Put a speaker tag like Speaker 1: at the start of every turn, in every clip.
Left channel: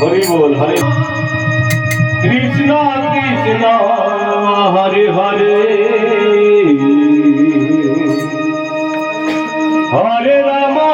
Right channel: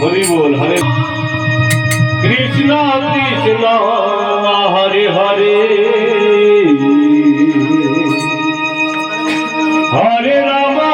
Speaker 1: Hari বল হরে Krishna Krishna Hare Hare. হরে রামা।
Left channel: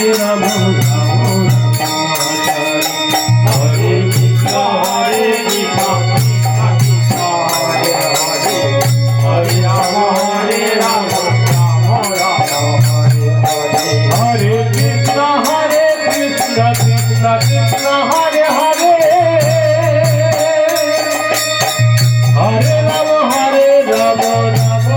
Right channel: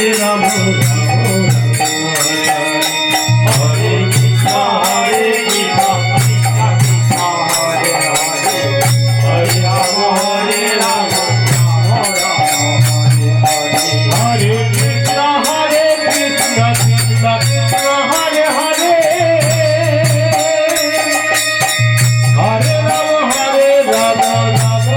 Speaker 1: Hare Rama